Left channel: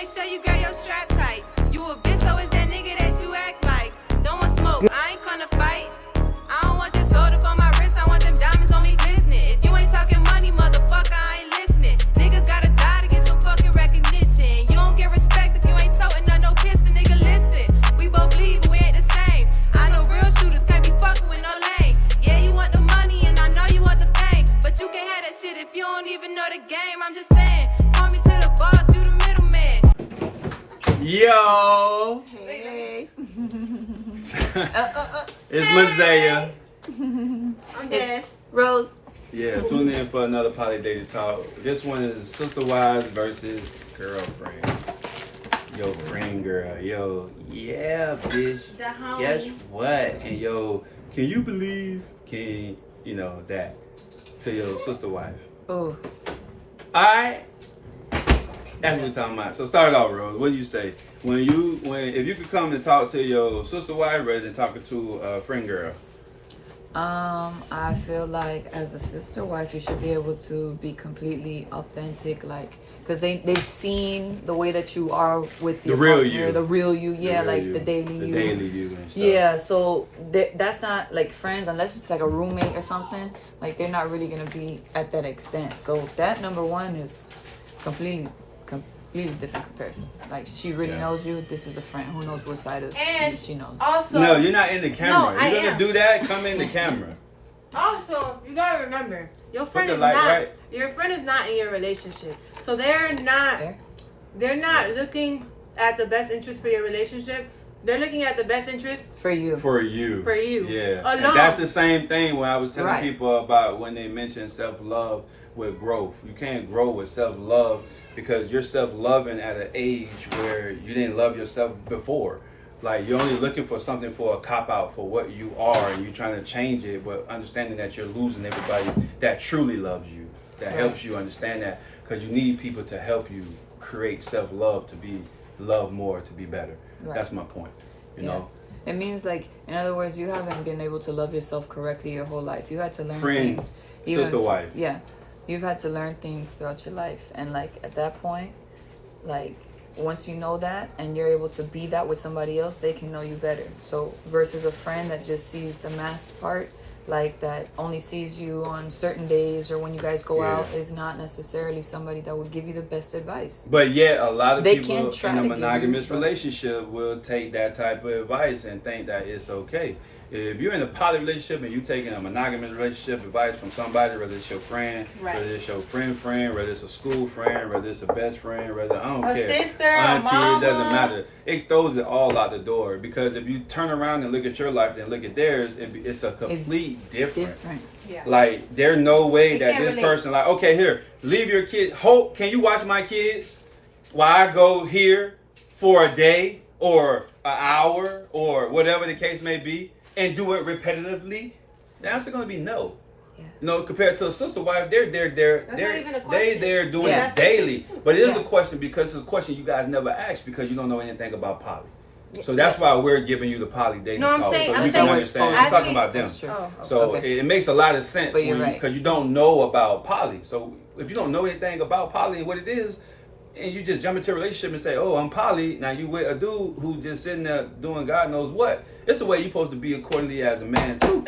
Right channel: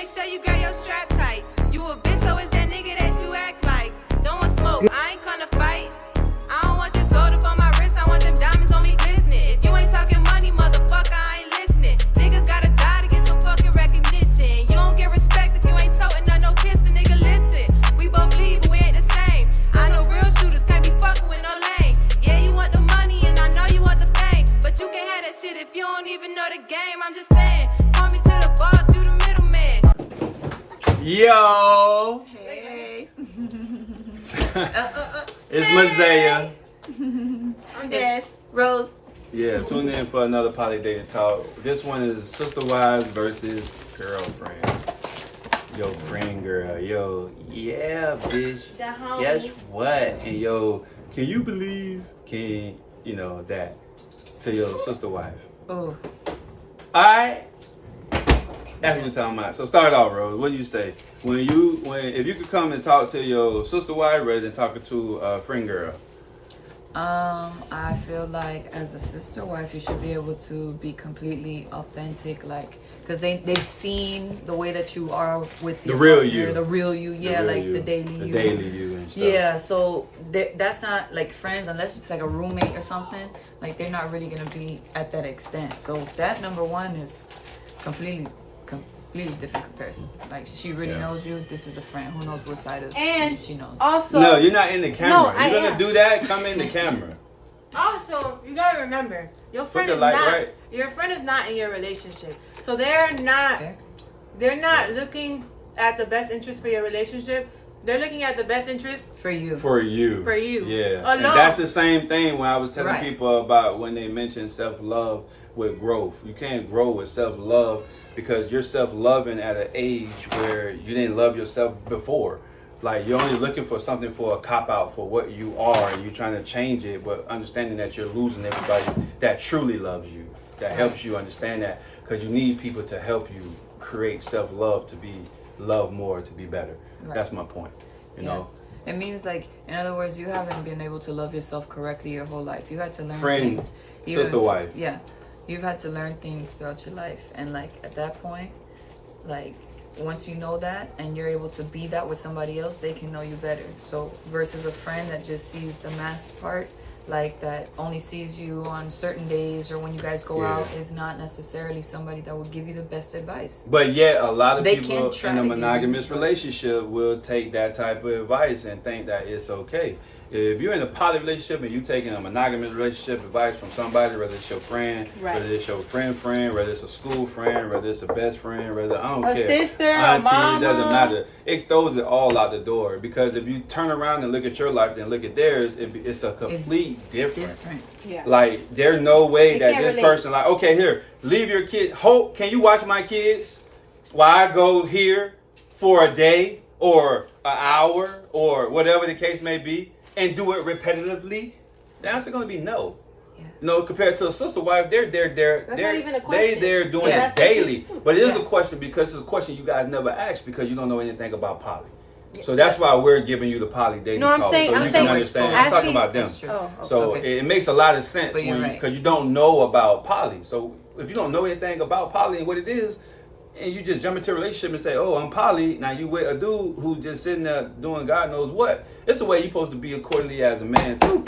make sure you got your strap tight. You a bitch, so is that nigga that you act like. Don't want smoke, I ain't gonna fight. I don't want this gold up on my wrist, I want them diamonds on me glistening. If you ain't talking money, motherfucker, I ain't listening. Niggas gotta die to get some fucking recognition. You don't get respect if you ain't toting no piston, nigga, listen. We both bleed, but we ain't the same. I know real shooters can't be fucking with no lane. Yeah, you want the money and I know you want the fame, but you can't have that shit if you don't even know the game. I'm just saying, call me to the boss, you the middleman. Yo! Hey. It's Mazaya. I'm Des. Rose. Yeah, tune in for another Poly Dating Talk. This one is Sisterwives versus girlfriends. Yo, friend girl. Yo, yeah, bitch. Guess what? And yo, can you believe, that to your sister wife? Oh. Alright. That's what we're talking about. So start off, Rose. What do you say? If you could come and talk to your sister wife rather than talking to a friend girl? I feel like as a sister wife, you should be able to be completely authentic, like, because they've seen the way that you are with your real partner, you. the real you, yeah, real like you. the daily you. The daily you and stuff. Yeah, so that's not like friends unless it's like a roommate or something. Like they're not really gonna be at that extent. So that number one is completely different comparison. Like she really knows you. This is the friend who knows what side of you she knows. Also, no, you're not in the camera. No, You're gonna do that. Come in the camera. Also, you gotta remember, your friend Put is the light not. right. Your friend is not in your relationship, so they're not. Okay. They're not looking at the best interest for your relationship. They're looking at the best interest For you. For you. for you. Yeah. Alone. And that's the same thing when I was telling Right. people about when they mention self-love with growth. You can't grow with self-love because you're self-loving at an age where you didn't love yourself before. Like you're only looking for something for a cop-out for what you are and you're trying to change it, but understanding that you're losing everybody that truly loves you, that helps you understand that, because you need people to help you create self-love to be loved more, to be better. Right. That's my point, you know? It means, like, in other words, you haven't been able to love yourself correctly your whole life. You had to learn Friend, things. sister, wife. Yeah. You've had to learn things throughout your life. And, like, at that point, like, once you know that and you're able to be that with somebody else, they can know you better. So, versus a friend that just sees the mass part, like, that only sees you on certain days or when you guys go out, is not necessarily somebody that would give you the best advice. But yet, a lot of They people can try in a to give monogamous you- relationship will take that type of advice and think that it's okay. If you're in a poly relationship and you're taking a monogamous relationship advice from somebody, whether it's your friend, whether it's your friend, whether it's a school friend, whether it's a best friend, whether I don't care, sister, auntie, a mama. it doesn't matter. It throws it all out the door because if you turn around and look at your life and look at theirs, it's a complete different. Yeah. Like, there's no way that can't this relate. person, like, okay, here, leave your kid. Hope, can you watch my kids while I go here for a day or an hour or whatever the case may be and do it repetitively? The answer going to be no. Yeah. No, compared to a sister wife, they're not even a question. they're doing Yeah. it daily. But it is Yeah. a question because it's a question you guys never asked because you don't know anything about poly. So that's why we're giving you the poly dating No, I'm talk, saying- so I'm you saying can we're understand. I'm exposing- talking about them. That's true. Oh, So okay. it makes a lot of sense But you're when right. because you don't know about poly. So if you don't know anything about poly and what it is, and you just jump into a relationship and say, "Oh, I'm poly," now you with a dude who's just sitting there doing God knows what. It's the way you're supposed to be accordingly as a man too.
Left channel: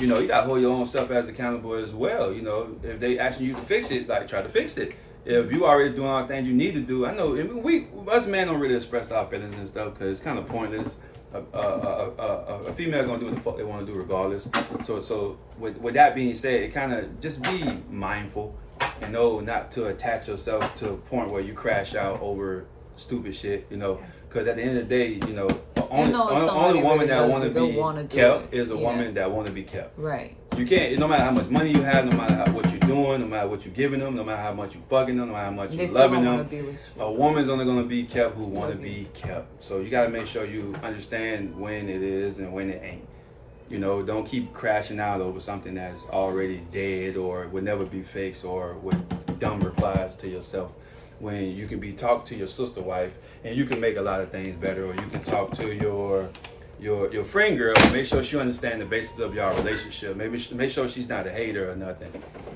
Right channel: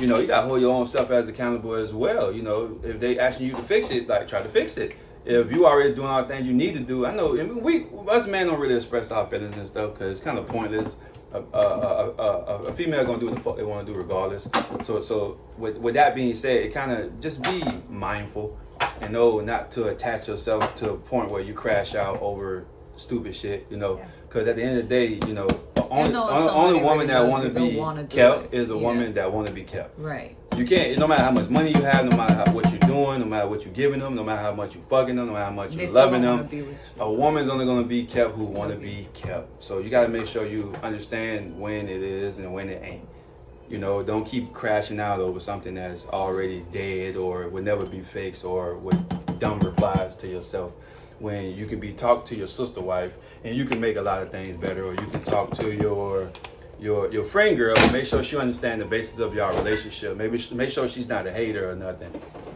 You know, you gotta hold your own self as accountable as well. You know, if they asking you to fix it, like try to fix it. If you already doing all the things you need to do, I know we us men don't really express our feelings and stuff because it's kind of pointless. A female gonna do what the fuck they want to do regardless. So with that being said, it kind of just be mindful and know not to attach yourself to a point where you crash out over stupid shit. You know, because at the end of the day, you know, only woman that want to be kept is a woman that want to be kept. Right. You can't, no matter how much money you have, no matter what you're doing, no matter what you're giving them, no matter how much you're fucking them, no matter how much They you're still loving don't wanna them, be with you. a woman's only going to be kept who want to be kept. So you got to make sure you understand when it is and when it ain't. You know, don't keep crashing out over something that's already dead or would never be fixed or with dumb replies to yourself. When you can be talk to your sister wife and you can make a lot of things better, or you can talk to your friend girl and make sure she understands the basis of your relationship. Maybe make sure she's not a hater or nothing.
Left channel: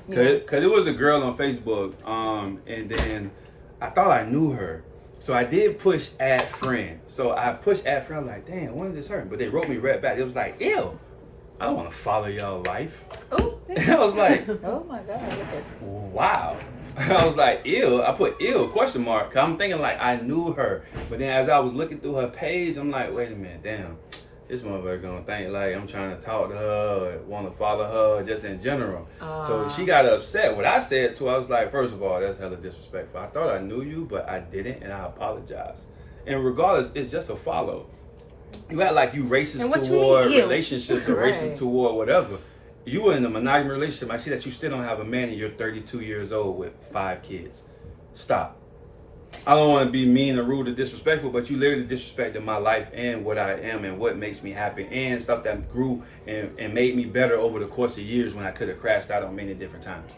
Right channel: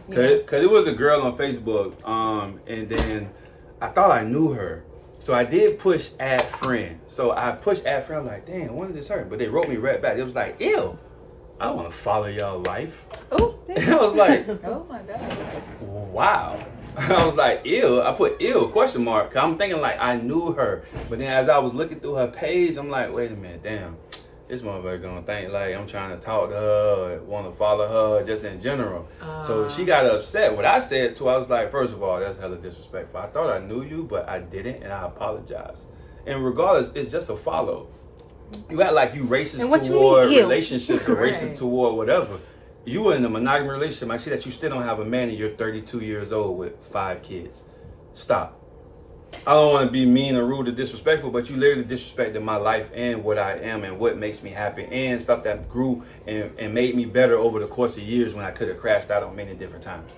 Cause it was a girl on Facebook, and then I thought I knew her. So I did push add friend. So I pushed add friend. I'm like, damn, when did this hurt? But they wrote me right back. It was like, ew, I don't want to follow y'all life. Ooh. And I was like, Oh my God. wow. I was like, ew. I put ew, question mark. Cause I'm thinking like I knew her. But then as I was looking through her page, I'm like, wait a minute, damn. This motherfucker gonna think like I'm trying to talk to her, want to follow her, just in general. So she got upset. What I said to her, I was like, first of all, that's hella disrespectful. I thought I knew you, but I didn't, and I apologize. And regardless, it's just a follow. You act like you racist toward relationships or racist toward whatever. You were in a monogamous relationship. I see that you still don't have a man and you're 32 years old with 5 kids. Stop. I don't want to be mean or rude or disrespectful, but you literally disrespected my life and what I am and what makes me happy and stuff that grew and made me better over the course of years when I could have crashed out on many different times.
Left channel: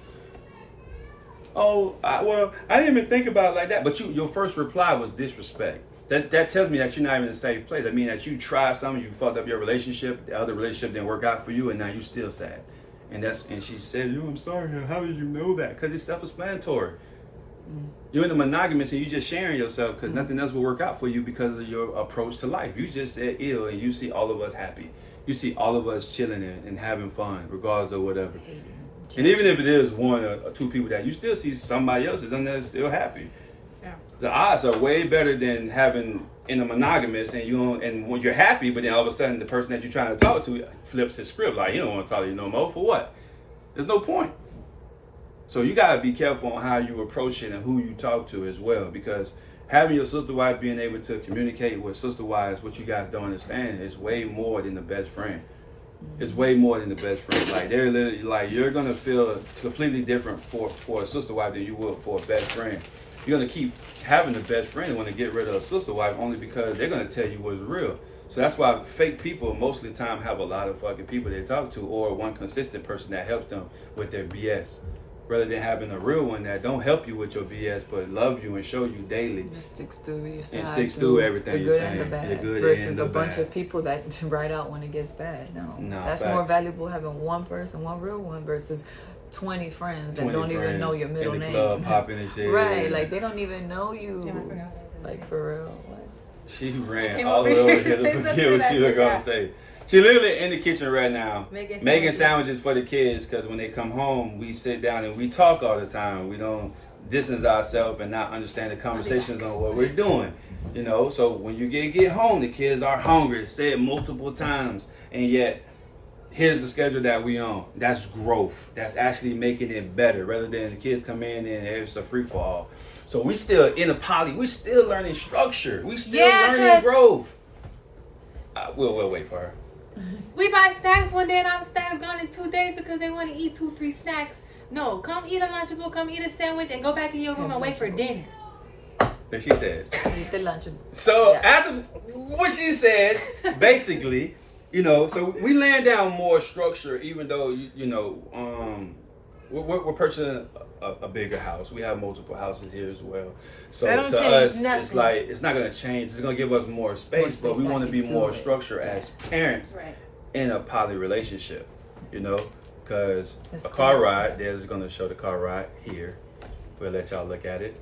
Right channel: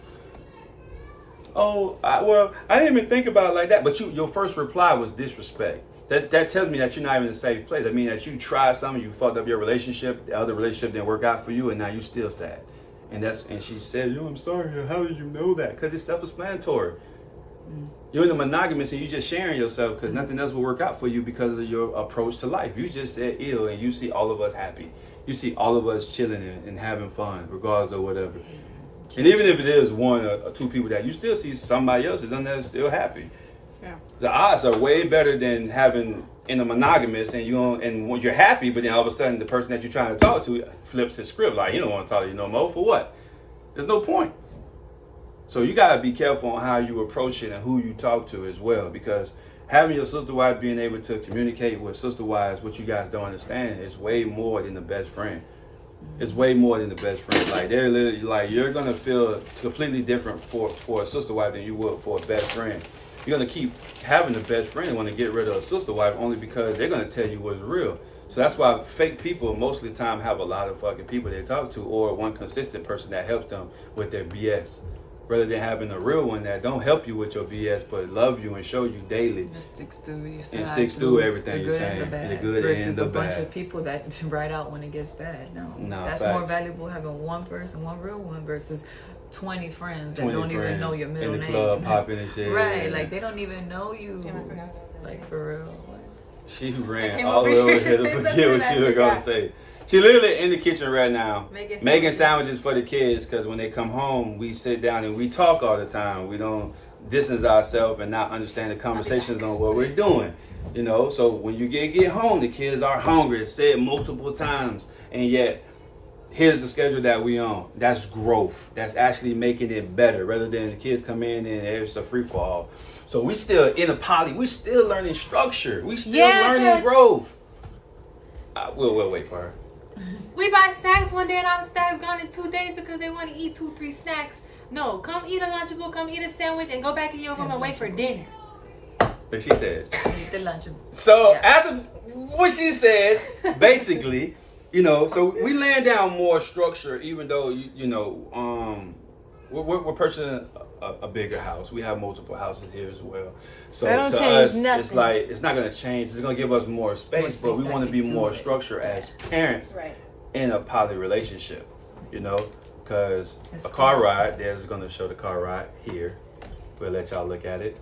Oh, I didn't even think about it like that. But your first reply was disrespect. That tells me that you're not even in a safe place. I mean that you tried something, you fucked up your relationship, the other relationship didn't work out for you, and now you still sad. And she said, I'm sorry, how did you know that? Because it's self-explanatory. You're in the monogamous and you just sharing yourself because nothing else will work out for you because of your approach to life. You just said ill and you see all of us happy. You see all of us chilling and having fun, regardless of whatever. And even if it is 1 or 2 people that you still see somebody else is in there still happy. Yeah. The odds are way better than having in a monogamous and when you're happy, but then all of a sudden the person that you're trying to talk to flips his script like, you don't want to talk to you no more. For what? There's no point. So you got to be careful on how you approach it and who you talk to as well, because having your sister wife being able to communicate with sister wives what you guys don't understand is way more than the best friend. It's way more than the best friend. Like they're literally like you're gonna feel completely different for a sister wife than you would for a best friend. You're gonna keep having the best friend want to get rid of a sister wife only because they're gonna tell you what's real. So that's why fake people most of the time have a lot of fucking people they talk to or one consistent person that helps them with their BS. Rather than having a real one that don't help you with your BS, but love you and show you daily. That sticks through your side. And sticks through everything you're saying. The good and the bad. The good versus and the a bunch bad. of people that write out when it gets bad. No. That's facts. more valuable having one person, one real one, versus 20 friends that don't even know your middle name. In the club popping and shit. Right, like they don't even know you. Like for real. What? She ran all the way over here to forget what she was going to say. She literally in the kitchen right now making sandwiches for the kids because when they come home, we sit down and we talk all the time. We don't distance ourselves and not understand the conversations on what we're doing. You know, so when you get home, the kids are hungry. It's said multiple times. And yet, here's the schedule that we on. That's growth. That's actually making it better rather than the kids come in and it's a free-for-all. So we still in a poly. We still learning structure. We still learning growth. We'll wait for her. We buy snacks one day and all the snacks gone in 2 days because they want to eat 2-3 snacks. No, come eat a Lunchable, come eat a sandwich, and go back in your room and wait for dinner. But she said. Eat the Lunchable. So after what she said, basically, you know, so we laying down more structure, even though we're purchasing a bigger house. We have multiple houses here as well. So to us, it's like it's not going to change. It's going to give us more space, but we want to be more structured as parents in a poly relationship. You know, because a car ride. There's going to show the car ride here. We'll let y'all look at it.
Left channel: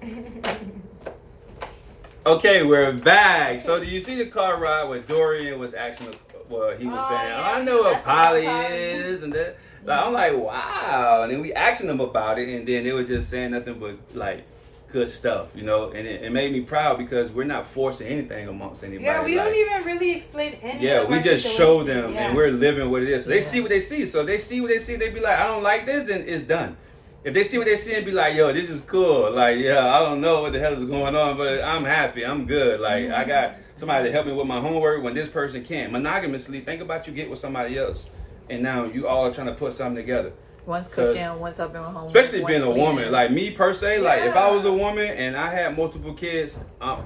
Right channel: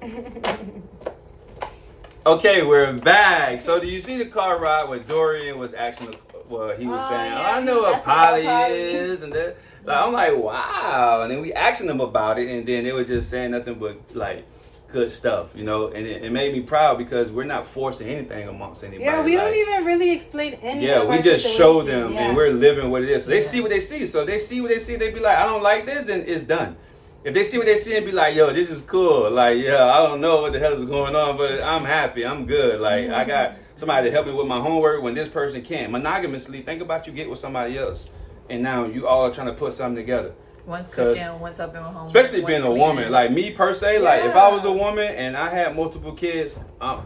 Okay, we're back. So do you see the car ride where Dorian was actually? Well, he was saying, I know what poly is, and that. Like, I'm like, wow. And then we asking them about it, and then they were just saying nothing but like good stuff, you know. And it made me proud because we're not forcing anything amongst anybody. Yeah, we don't even really explain anything. Yeah, we just show them, and we're living what it is. So they see what they see. So they see what they see. They be like, I don't like this, then it's done. If they see what they see and be like, yo, this is cool. Like, yeah, I don't know what the hell is going on, but I'm happy. I'm good. Like, I got somebody to help me with my homework when this person can't. Monogamously, think about you get with somebody else. And now you all are trying to put something together. One's cooking, one's helping with homework. Especially being a woman. Like me per se, like if I was a woman and I had multiple kids,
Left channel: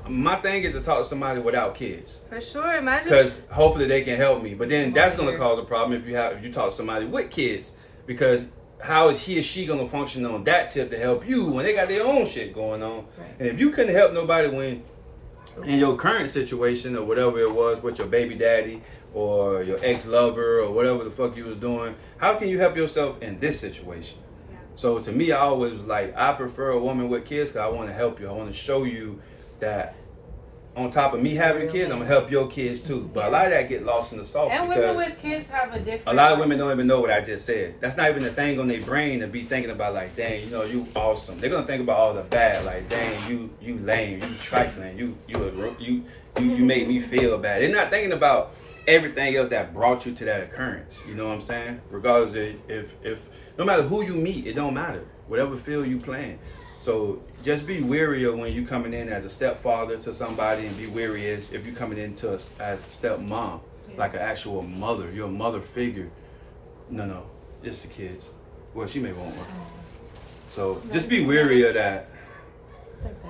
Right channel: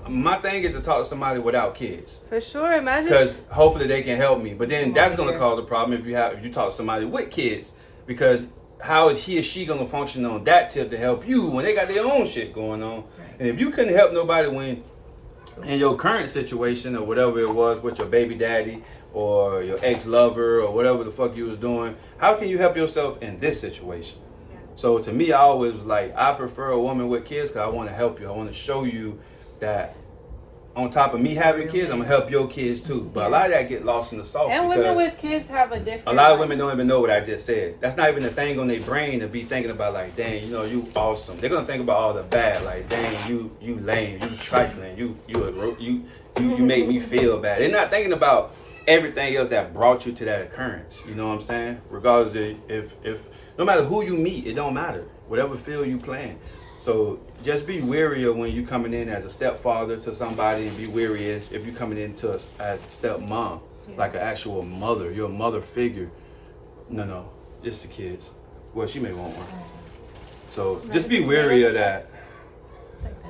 my thing is to talk to somebody without kids. For sure, imagine. Because hopefully they can help me. But then that's going to cause a problem if you talk to somebody with kids. Because how is he or she going to function on that tip to help you when they got their own shit going on? Right. And if you couldn't help nobody when in your current situation or whatever it was with your baby daddy or your ex-lover or whatever the fuck you was doing, how can you help yourself in this situation? Yeah. So to me, I always was like, I prefer a woman with kids because I want to help you. I want to show you that on top of me having kids, I'm gonna help your kids too. But a lot of that get lost in the sauce. And women with kids have a different. A lot of women don't even know what I just said. That's not even a thing on their brain to be thinking about. Like, dang, you know, you awesome. They're gonna think about all the bad. Like, dang, you lame, you trifling, you make me feel bad. They're not thinking about everything else that brought you to that occurrence. You know what I'm saying? Regardless of if no matter who you meet, it don't matter. Whatever field you playing. So just be wary of when you coming in as a stepfather to somebody, and be wary if you're coming into as a stepmom, like an actual mother. You're a mother figure. No, it's the kids. Well, she may want one. So just be wary of that.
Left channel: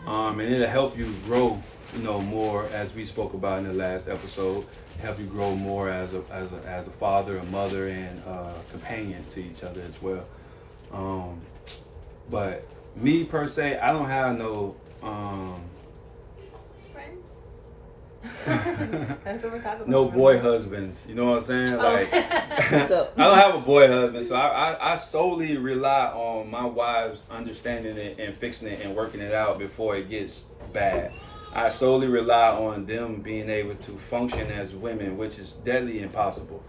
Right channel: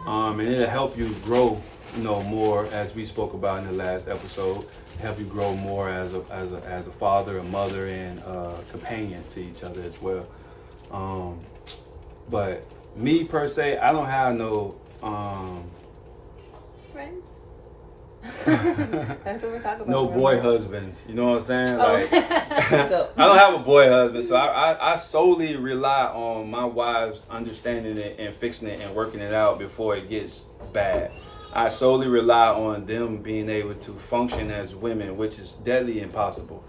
And it'll help you grow, you know, more, as we spoke about in the last episode. Help you grow more as a father, a mother, and a companion to each other as well. But me per se, I don't have no friends. That's what we're talking about. no boy husbands. You know what I'm saying? Like, So- I don't have a boy husband, so I solely rely on my wives understanding it and fixing it and working it out before it gets bad. I solely rely on them being able to function as women, which is deadly impossible.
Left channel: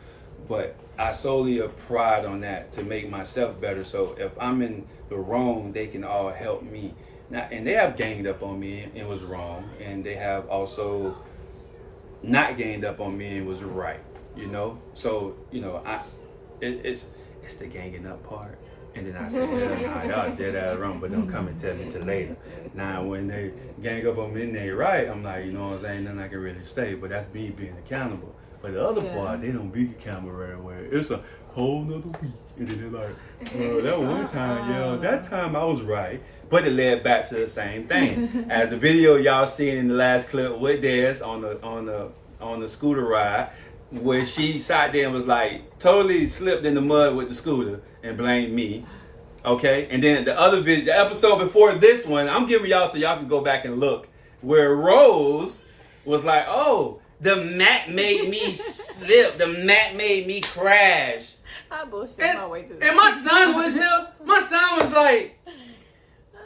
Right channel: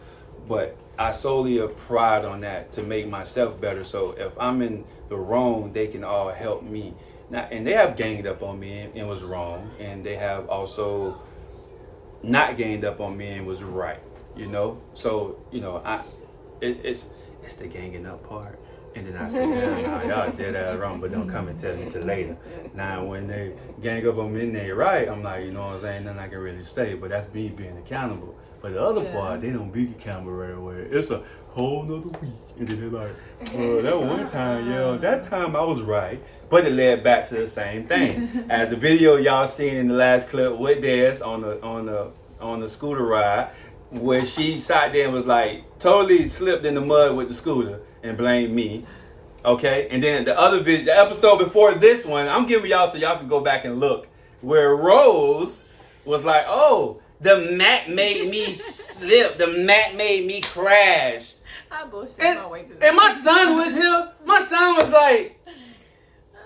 But I solely have pride on that to make myself better. So if I'm in the wrong, they can all help me. Now, and they have ganged up on me and was wrong, and they have also not ganged up on me and was right. You know, so you know, it's the ganging up part. And then I said, nah, y'all dead ass wrong, but don't come and tell me till later. Now, when they gang up on me and they right, I'm like, you know what I'm saying, nothing I can really say, but that's me being accountable. But the other part, they don't be accountable right away. It's a whole nother week. And then they're like, well, that one time, that time I was right. But it led back to the same thing. As the video y'all seen in the last clip with Des on the scooter ride, where she sat there and was like, totally slipped in the mud with the scooter and blamed me. Okay? And then the other video, the episode before this one, I'm giving y'all so y'all can go back and look, where Rose was like, oh, the mat made me slip. The mat made me crash. I bullshit my way through And my son was here. My son was like,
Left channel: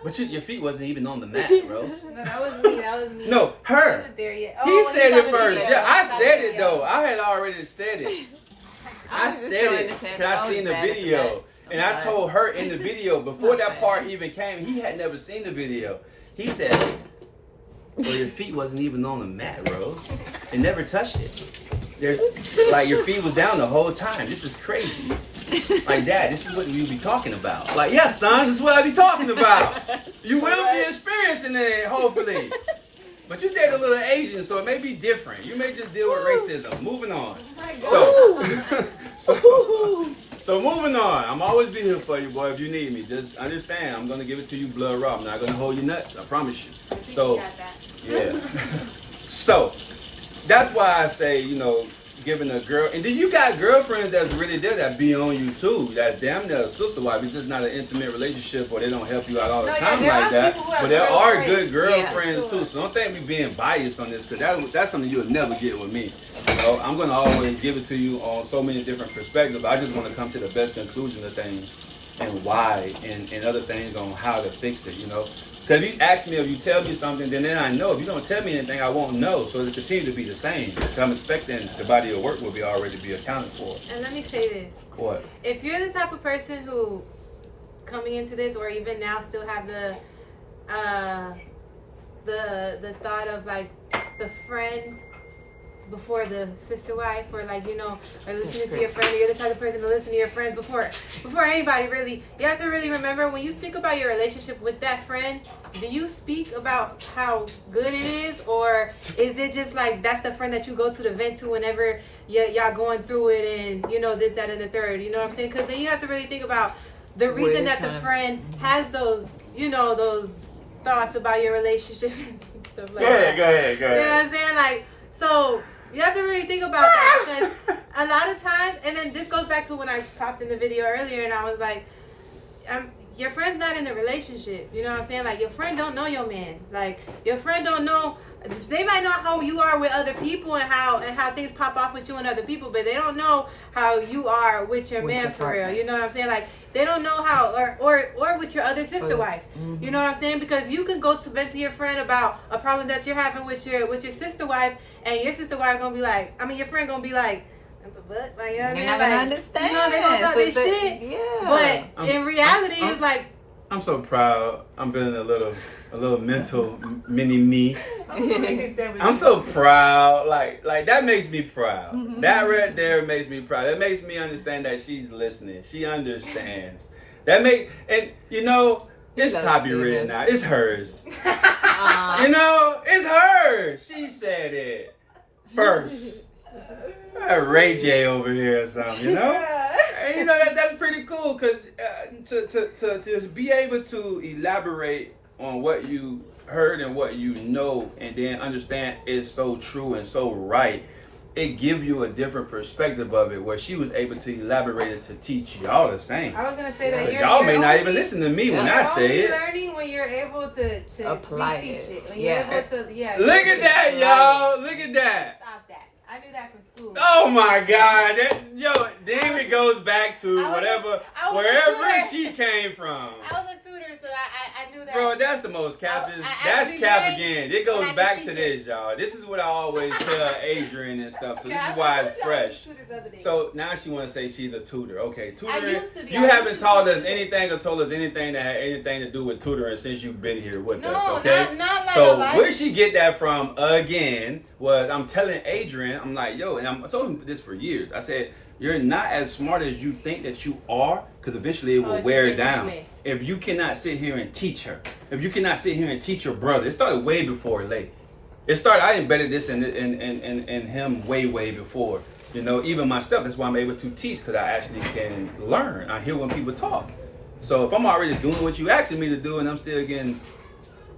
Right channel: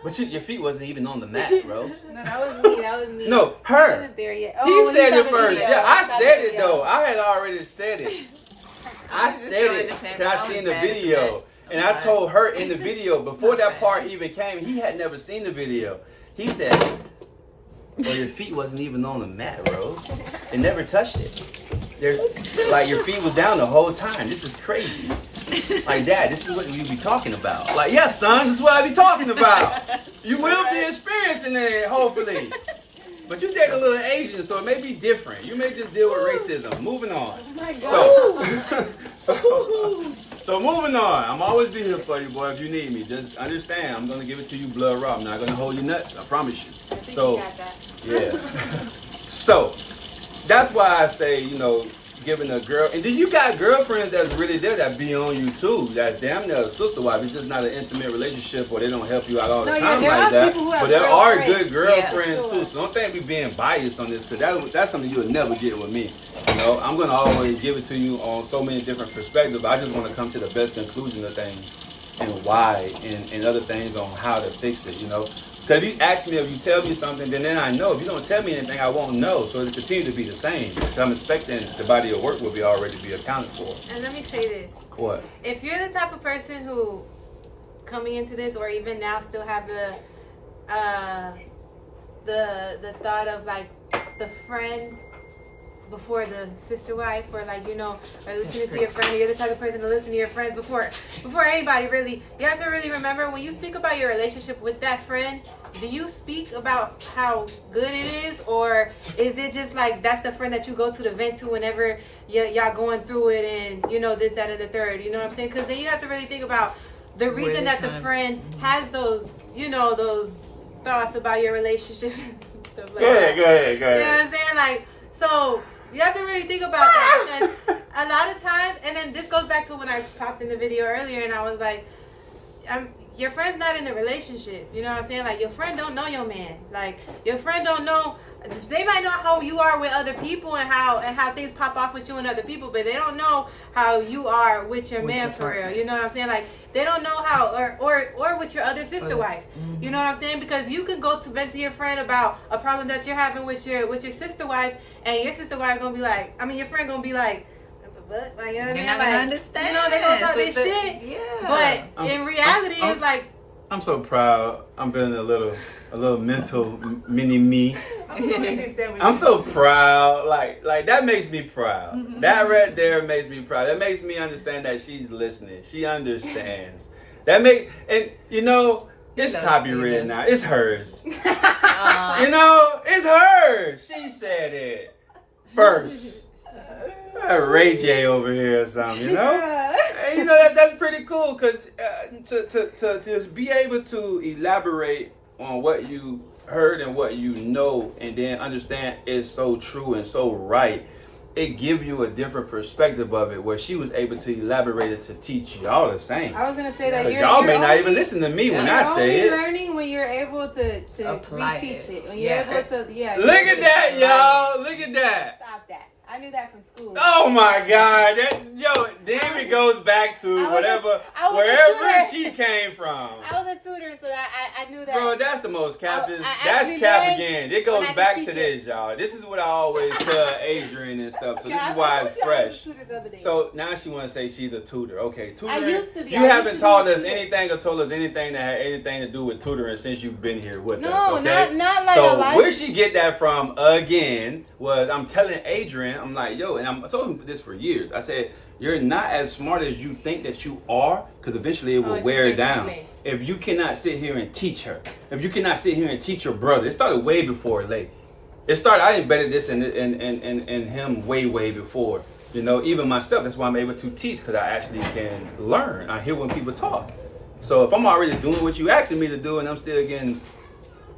but your feet wasn't even on the mat, Rose. No, that was me. No, I her. wasn't there yet. He when said you it told me first. to say Yeah, it, I said it though. I had already said it. I said it because I seen the video. And I told her in the video, before that part even came, he had never seen the video. He said, well, your feet wasn't even on the mat, Rose. It never touched it. Like, your feet was down the whole time. This is crazy. Like, Dad, this is what we be talking about. Like, yeah, son, this is what I be talking about. You will be experiencing it, hopefully. But you date a little Asian, so it may be different. You may just deal with racism. Moving on. So moving on. I'm always be here for you, boy, if you need me. Just understand, I'm going to give it to you blood raw. I'm not going to hold you nuts. I promise you. So, yeah. So, that's why I say, you know, giving a girl, and then you got girlfriends that's really there that be on you too. That's damn near a sister wife. It's just not an intimate relationship, or they don't help you out all the time like that. But there are good girlfriends too. So don't think we being biased on this, because that's something you'll never get with me. You know, I'm gonna always give it to you on so many different perspectives. I just want to come to the best conclusion of things and why, and other things on how to fix it. You know. Because if you ask me, if you tell me something, then I know. If you don't tell me anything, I won't know. So it continues to be the same. So I'm expecting the body of work will be already be accounted for. And let me say this. What? If you're the type of person who, coming into this, or even now, still have the thought of like the friend before the sister wife, or like, you know, or listening to your friend, or you're the type of person to listen to your friends before anybody, really, you have to really remember, when you speak about your relationship with that friend, do you speak about how good it is, or is it just like that's the friend that you go to vent to whenever y'all going through it, and you know, this, that, and the third, you know what I'm saying? Because then you have to really think about the reason that the friend has those, you know, those thoughts about your relationship and stuff like that. Go ahead. You know what I'm saying? Like, so you have to really think about that, because a lot of times, and then this goes back to when I popped in the video earlier, and I was like, your friend's not in the relationship. You know what I'm saying? Like, your friend don't know your man. Like, your friend don't know. They might know how you are with other people and how things pop off with you and other people, but they don't know how you are with your man for real. You know what I'm saying? Like, they don't know how, or with your other sister wife. Mm-hmm. You know what I'm saying? Because you can go to vent to your friend about a problem that you're having with your sister wife, and your sister wife gonna be like, I mean, your friend gonna be like, but like, you know what I mean? They're not like, gonna understand. You know, they gonna talk So their shit. Yeah. But in reality, it's like, I'm so proud. I'm building a little mental mini me. I'm so proud. Like that makes me proud. Mm-hmm. That right there makes me proud. That makes me understand that she's listening. She understands. And you know, it's copyrighted now. It's hers. You know, it's hers. She said it first. Ray J over here or something, you know? And you know, that's pretty cool, because to be able to elaborate on what you heard and what you know, and then understand is so true and so right, it gives you a different perspective of it, where she was able to elaborate it to teach y'all the same. I was going to say that because y'all may not even listen to me when I say it. You're learning when you're able to apply reteach it. When Yeah. you're able to, Look at that, y'all. Look at that. Stop that. I knew that from school. Oh my God! Then it goes back to wherever she came from. I was a tutor, so I knew that. Bro, that's the most captive. I That's every cap day again. It goes back to this, y'all. This is what I always tell Adrian and stuff. So this is why it's fresh. So now she want to say she's a tutor. Okay, tutoring. used to be. You haven't taught us anything or told us anything that had anything to do with tutoring since you've been here with us. Okay. not like So a life. where she get that from again was, I'm telling Adrian, I'm like, yo, and I told him this for years. I said, you're not as smart as you think that you are, because eventually it will wear it down. If you cannot sit here and teach her, if you cannot sit here and teach your brother, it started way before Lay. It started, I embedded this in him way before. You know, even myself, that's why I'm able to teach, because I actually can learn. I hear when people talk. So if I'm already doing what you asking me to do and I'm still getting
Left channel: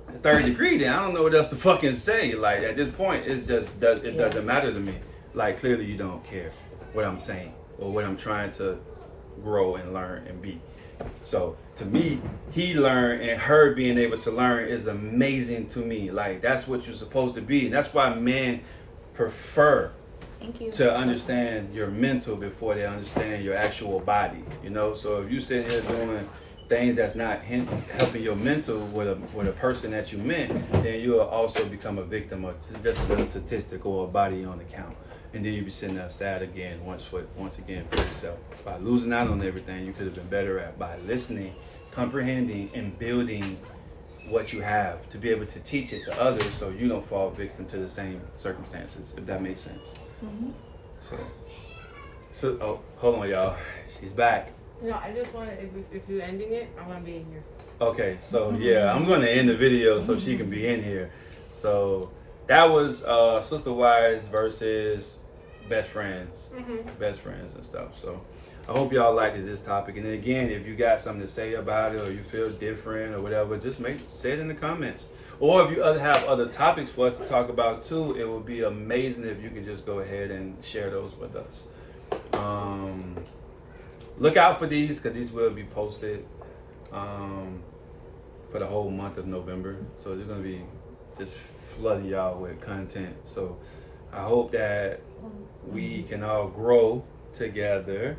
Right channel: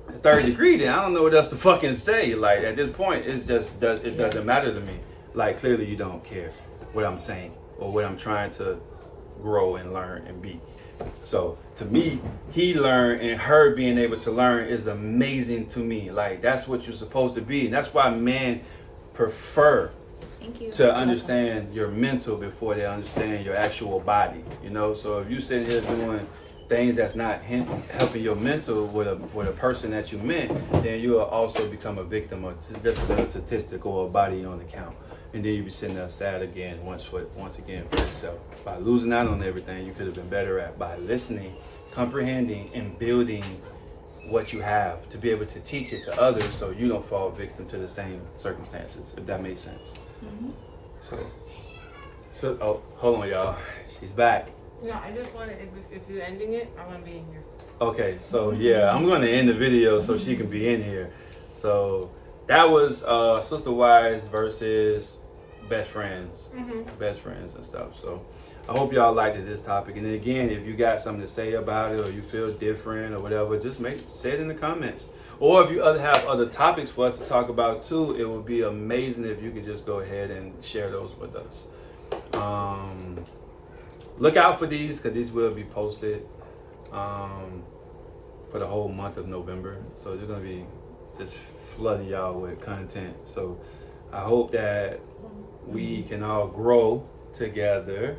a third degree, then I don't know what else to fucking say. Like, at this point, it doesn't matter to me. Like, clearly you don't care what I'm saying or what I'm trying to grow and learn and be. So to me, he learned, and her being able to learn is amazing to me. Like, that's what you're supposed to be. And that's why men prefer to understand your mental before they understand your actual body. You know, so if you sitting here doing things that's not helping your mental with a person that you meant, then you will also become a victim of just another statistic or a body on the count. And then you be sitting there sad again, once again for yourself. By losing out on everything you could have been better at, by listening, comprehending, and building what you have to be able to teach it to others, so you don't fall victim to the same circumstances, if that makes sense. Mm-hmm. So, oh, hold on, y'all. She's back. No, I just want to, if you're ending it, I want to be in here. Okay, so yeah, I'm going to end the video so she can be in here. So that was Sisterwife versus best friends, best friends and stuff. So I hope y'all liked this topic. And then again, if you got something to say about it, or you feel different or whatever, just say it in the comments. Or if you have other topics for us to talk about too, it would be amazing if you could just go ahead and share those with us. Look out for these, because these will be posted for the whole month of November. So they're going to be just flooding y'all with content. So I hope that we can all grow together.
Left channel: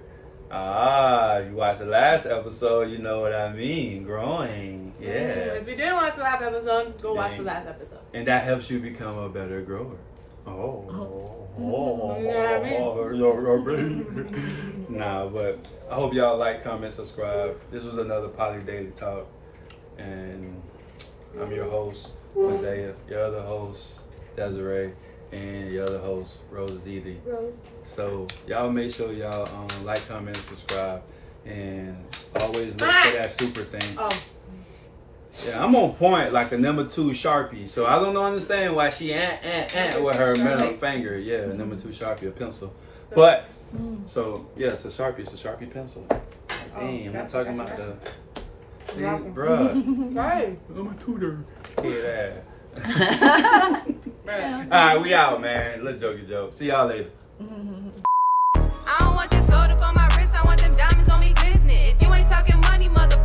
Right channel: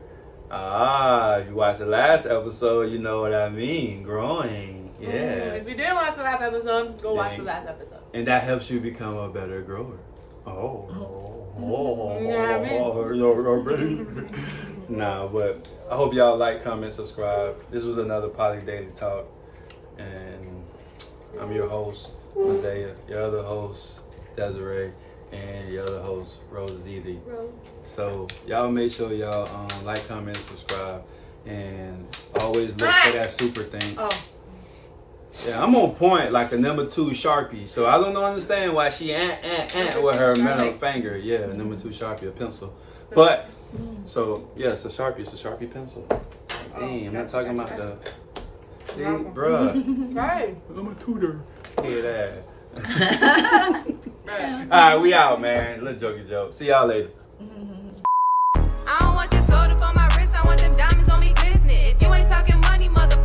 You watched the last episode, you know what I mean. Growing. Yeah. If you didn't watch the last episode, go watch the last episode. And that helps you become a better grower. You know what I mean? Nah, but I hope y'all like, comment, subscribe. This was another Poly Daily Talk. And I'm your host, Isaiah, your other host, Desiree, and your other host, Rose Ziti. So y'all make sure y'all like, comment, and subscribe. And always look for that super thing. Yeah, I'm on point like a number 2 Sharpie. So I don't understand why she with her middle finger. Yeah, number 2 Sharpie, a pencil. But, so, yeah, it's a Sharpie. It's a Sharpie pencil. Dang, I'm not talking about the... See, bruh. Right. I'm a tutor. Yeah, that. All right, we out, man. Little jokey joke. See y'all later. I don't want this gold up on my wrist. I want them diamonds on me glistening. If you ain't talking money, motherfucker.